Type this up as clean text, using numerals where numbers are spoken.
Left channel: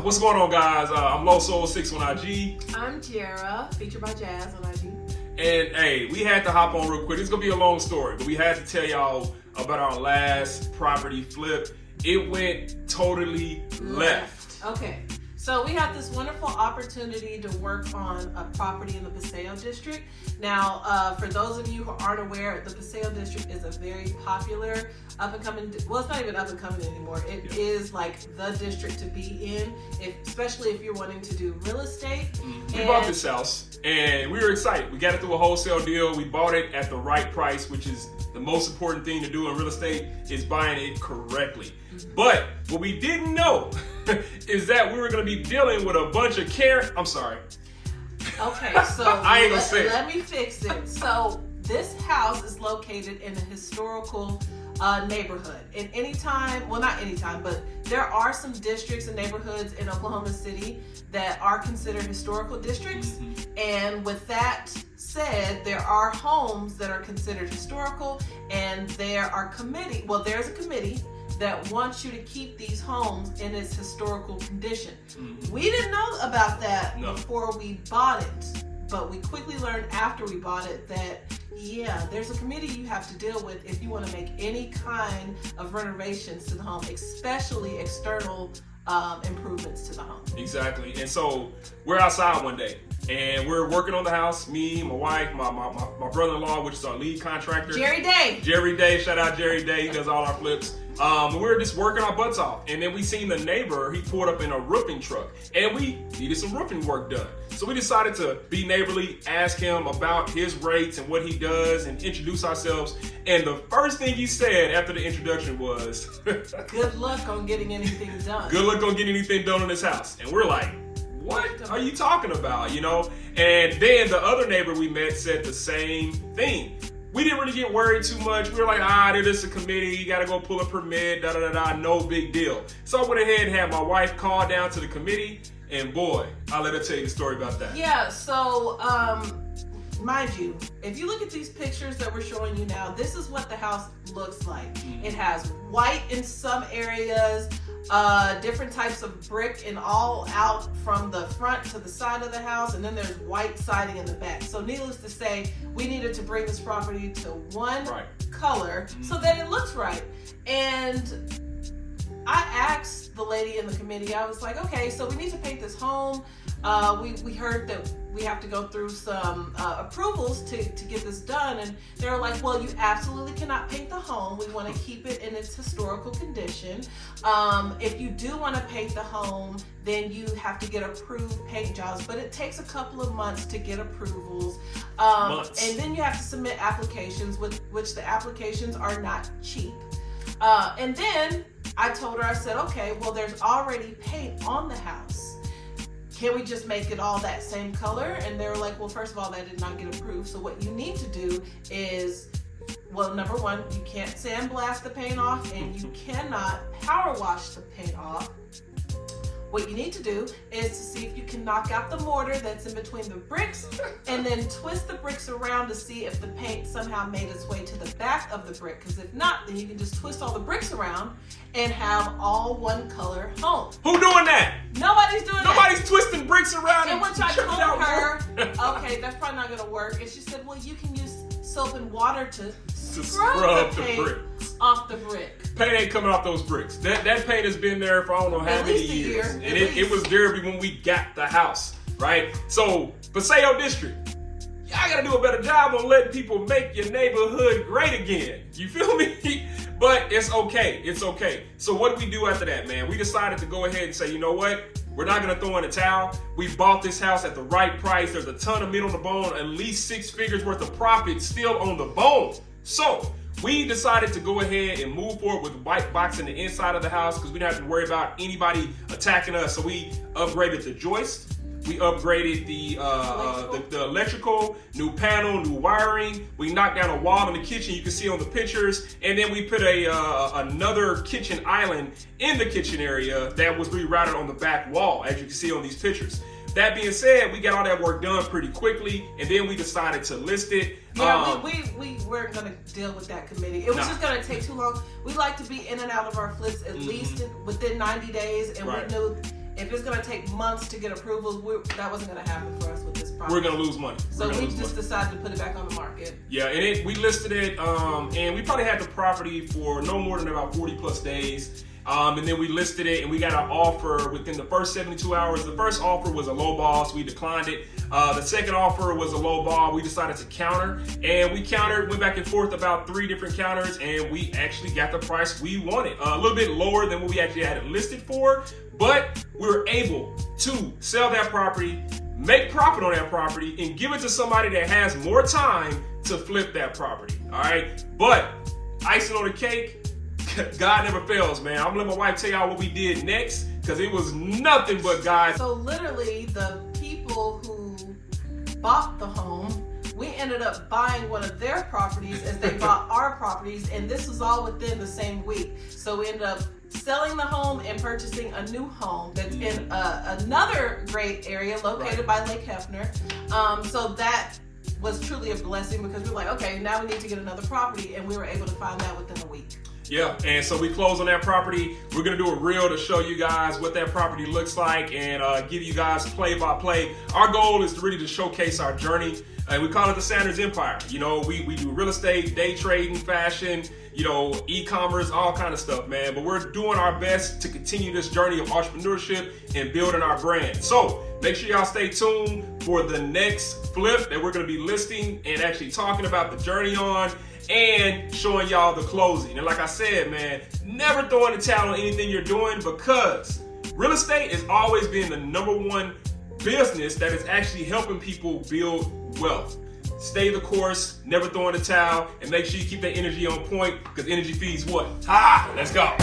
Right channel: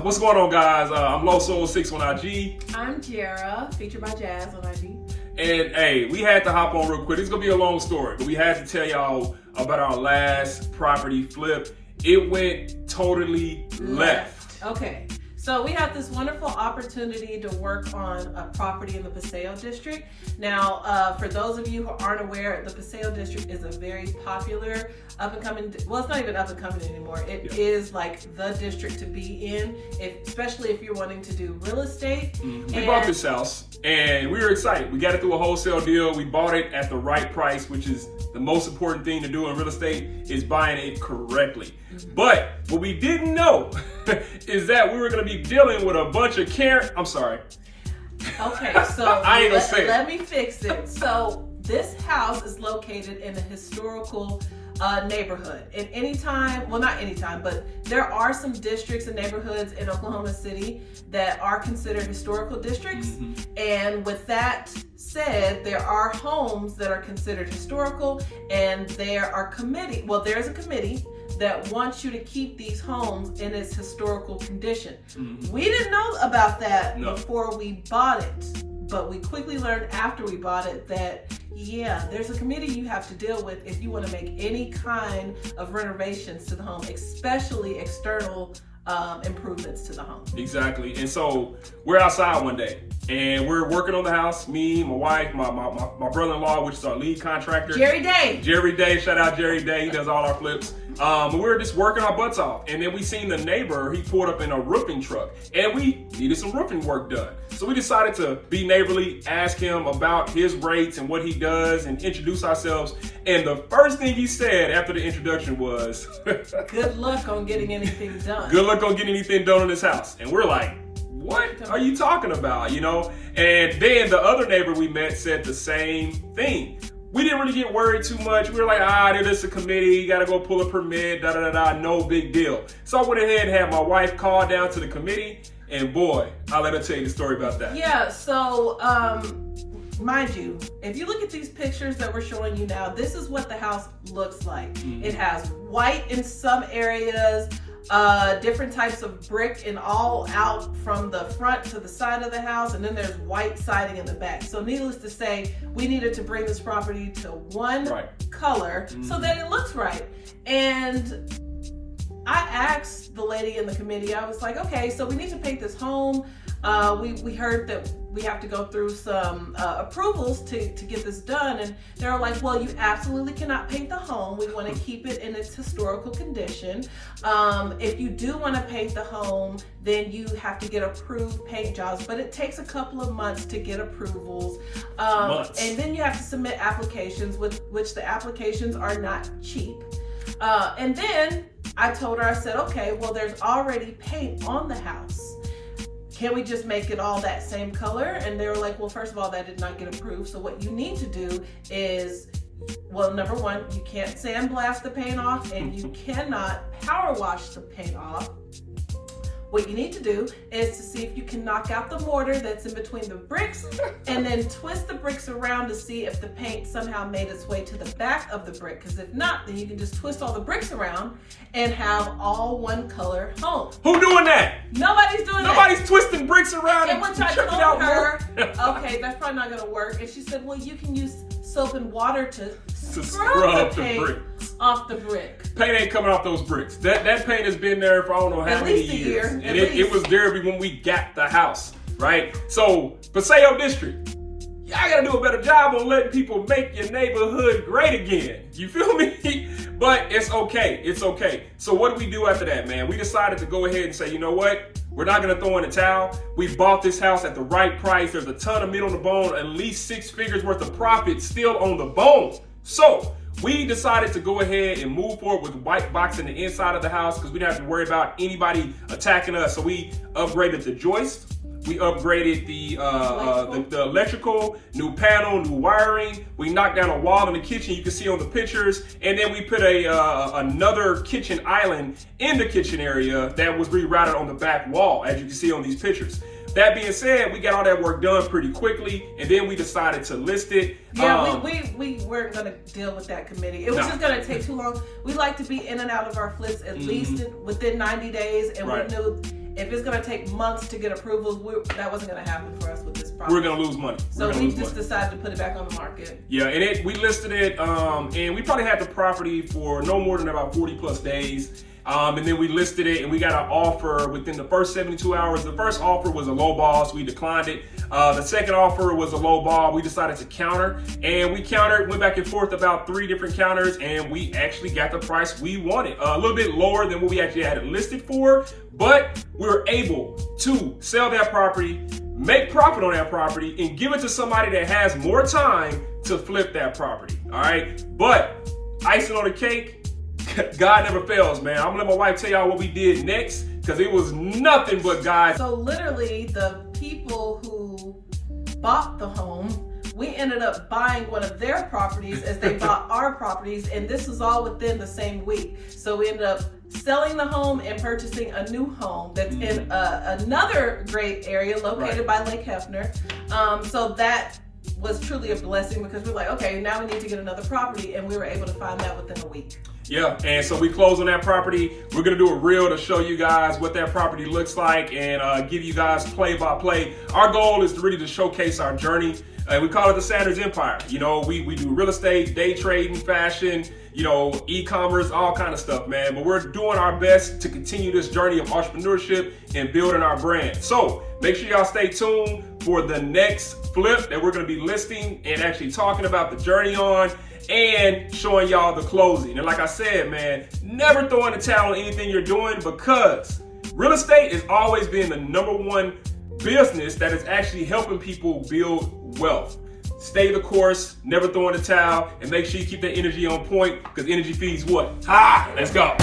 What's going on, guys? I'm Loso6 on IG. I'm Jara, featured by Jazz on IG. And hey, we had to hop on real quick. It's gonna be a long story, but we had to tell y'all about our last property flip. It went totally left. Okay, so we have this wonderful opportunity to work on a property in the Paseo District. Now, for those of you who aren't aware, the Paseo District is a very popular up-and-coming, well, it's not even up-and-coming anymore. It is like the district to be in, especially if you're wanting to do real estate. We bought this house, and we were excited. We got it through a wholesale deal. We bought it at the right price, which is the most important thing to do in real estate, is buying it correctly. But what we didn't know is that we were going to be dealing with a bunch of I'm sorry. Okay, so I ain't gonna say let me fix it. So this house is located in a historical neighborhood. And anytime, well, not anytime, but there are some districts and neighborhoods in Oklahoma City that are considered historical districts. And with that said, there are homes that are considered historical, and there's a committee that wants you to keep these homes in its historical condition. We didn't know about that before we bought it, but we quickly learned after we bought it that there's a committee you have to deal with if you want to make any kind of renovations to the home, especially external improvements to the home. Exactly. And so we're outside one day and we're working on the house. Me, my wife, my brother-in-law, which is our lead contractor. Jerry Day. Shout out Jerry Day. He does all our flips. We were just working our butts off. And then we seen the neighbor, he pulled up in a roofing truck, and we needed some roofing work done. So we decided to be neighborly, ask him about his rates and what he does, and introduce ourselves. And the first thing he said after the introduction was, good luck on getting anything done. Good luck on getting anything done on this house. And we're like, what are you talking about? And then the other neighbor we met said the same thing. We didn't really get worried too much. We were like, it is a committee. You got to go pull a permit, no big deal. So I went ahead and had my wife call down to the committee, and boy, I'll let her tell you the story about that. Yeah, so mind you, if you look at these pictures that we're showing you now, this is what the house looks like. It has white in some areas, different types of brick, and all out from the front to the side of the house, and then there's white siding in the back. So needless to say, we needed to bring this property to one color so that it looks right. And I asked the lady in the committee, I was like, okay, so we need to paint this home. We heard that we have to go through some approvals to get this done, and they were like, well, you absolutely cannot paint the home. We want to keep it in its historical condition. If you do want to paint the home, then you have to get approved paint jobs, but it takes a couple of months to get approvals. And then you have to submit applications, which the applications are not cheap. And then I told her, I said, okay, well, there's already paint on the house. Can we just make it all that same color? And they were like, well, first of all, that did not get approved. So what you need to do is, well, number one, you can't sandblast the paint off, and you cannot power wash the paint off. What you need to do is to see if you can knock out the mortar that's in between the bricks, and then twist the bricks around to see if the paint somehow made its way to the back of the brick. Because if not, then you can just twist all the bricks around and have all one color home. Who doing that? Nobody's doing that. Nobody's twisting bricks around and and which I tripping told out her, more. okay, that's probably not gonna work. And she said, well, you can use soap and water to scrub the the paint bricks off the brick. Paint ain't coming off those bricks. That paint has been there for I don't know how many years. And it was there when we got the house, right? So, Paseo District, y'all gotta do a better job on letting people make your neighborhood great again. You feel me? But it's okay. It's okay. So what do we do after that, man? We decided to go ahead and say, you know what? We're not gonna throw in the towel. We bought this house at the right price. There's a ton of meat on the bone, at least 6 figures worth of profit still on the bone. So we decided to go ahead and move forward with white boxing the inside of the house because we didn't have to worry about anybody attacking us. So we upgraded the joist. We upgraded the electrical, new panel, new wiring. We knocked down a wall in the kitchen. You can see on the pictures. And then we put another kitchen island in the kitchen area that was rerouted on the back wall, as you can see on these pictures. That being said, we got all that work done pretty quickly, and then we decided to list it. Yeah, we weren't going to deal with that committee. It was just going to take too long. We like to be in and out of our flips at least within 90 days, and we knew if it's going to take months to get approvals, that wasn't going to happen for us with this property. We're going to lose money. So we just decided to put it back on the market. Yeah, and we listed it, and we probably had the property for no more than about 40 plus days. And then we listed it and we got an offer within the first 72 hours. The first offer was a low ball, so we declined it. The second offer was a low ball. We decided to counter, and we countered, went back and forth about 3 different counters, and we actually got the price we wanted. A little bit lower than what we actually had it listed for, but we were able to sell that property, make profit on that property, and give it to somebody that has more time to flip that property. All right, but icing on the cake, God never fails, man. I'm gonna let my wife tell y'all what we did next, because it was nothing but God. So literally, the people who bought the home, we ended up buying one of their properties as they bought our properties, and this was all within the same week. So we ended up selling the home and purchasing a new home that's in another great area located by Lake Hefner. So that was truly a blessing, because we're like, okay, now we need to get another property, and we were able to find that within a week. Yeah, and so we closed on that property. We're gonna do a reel to show you guys what that property looks like and give you guys play by play. Our goal is to really just showcase our journey. We call it the Sanders Empire. You know, we do real estate, day trading, fashion, you know, e-commerce, all kind of stuff, man. But we're doing our best to continue this journey of entrepreneurship and building our brand. So make sure y'all stay tuned for the next flip that we're gonna be listing and actually talking about the journey on, and showing y'all the closing. And like I said, man, never throw in the towel on anything you're doing, because real estate is always been the #1 business that is actually helping people build wealth. Stay the course, never throw in the towel, and make sure you keep that energy on point, because energy feeds what? Let's go.